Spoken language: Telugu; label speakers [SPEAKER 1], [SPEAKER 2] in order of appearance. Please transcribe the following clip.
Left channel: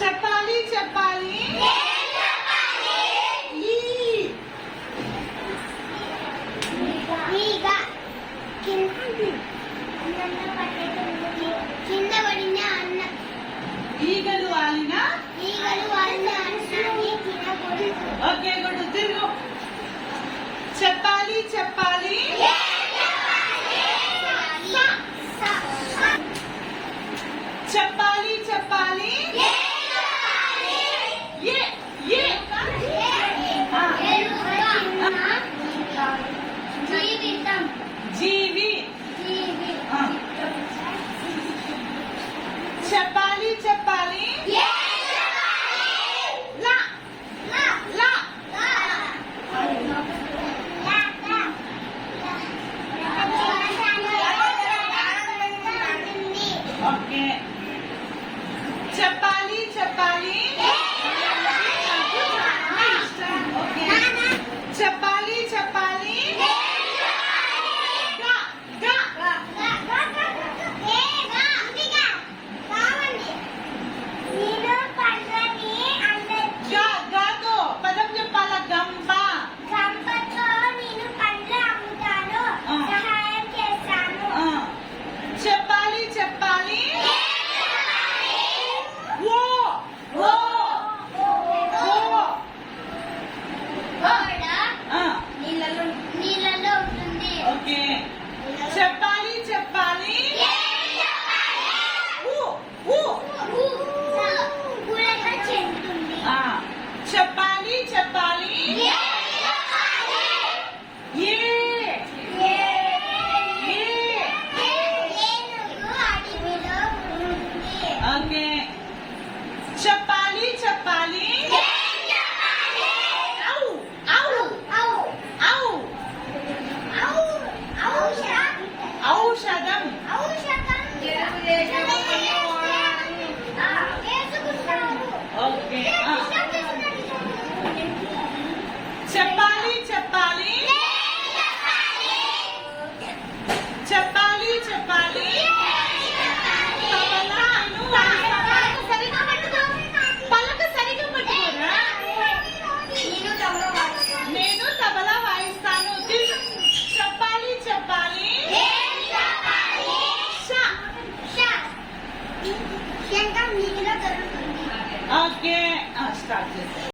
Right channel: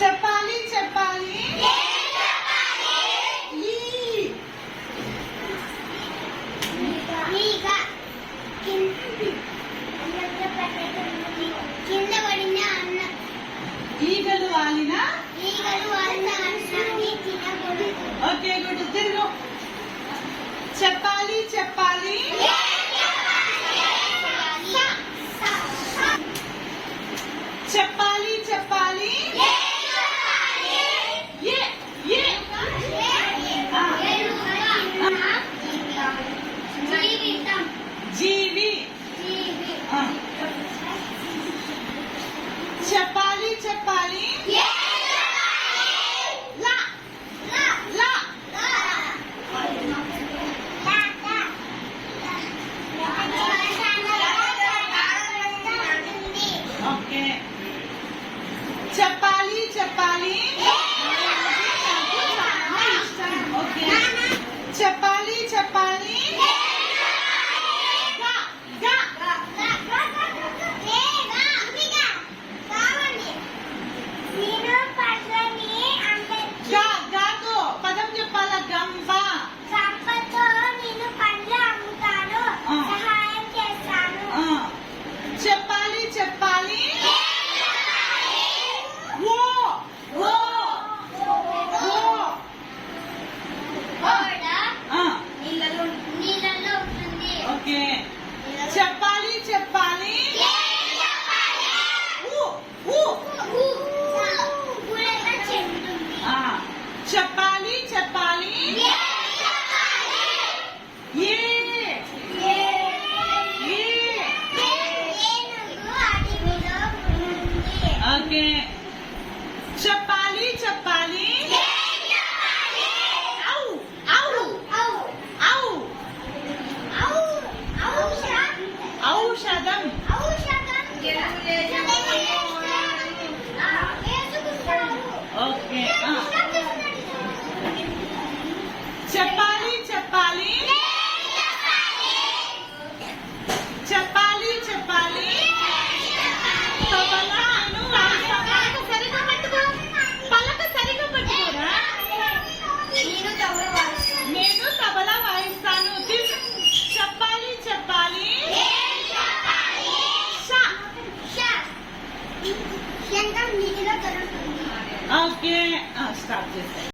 [SPEAKER 1] చెప్పాలి చెప్పాలి.
[SPEAKER 2] కింద పడిన అన్న.
[SPEAKER 1] ఈగలు వాలిన.
[SPEAKER 2] ఈగలు వాలిన అన్నాన్ని తినకూడదు
[SPEAKER 1] ఓకే గుడ్ తిరుగు. చెప్పాలి చెప్పాలి. చెప్పాలి. జీవి. చెప్ప. ఓకే. చెప్పాలి చెప్పాలి. ఔషధం. ఓకే. చెప్పాలి Al ki hasta.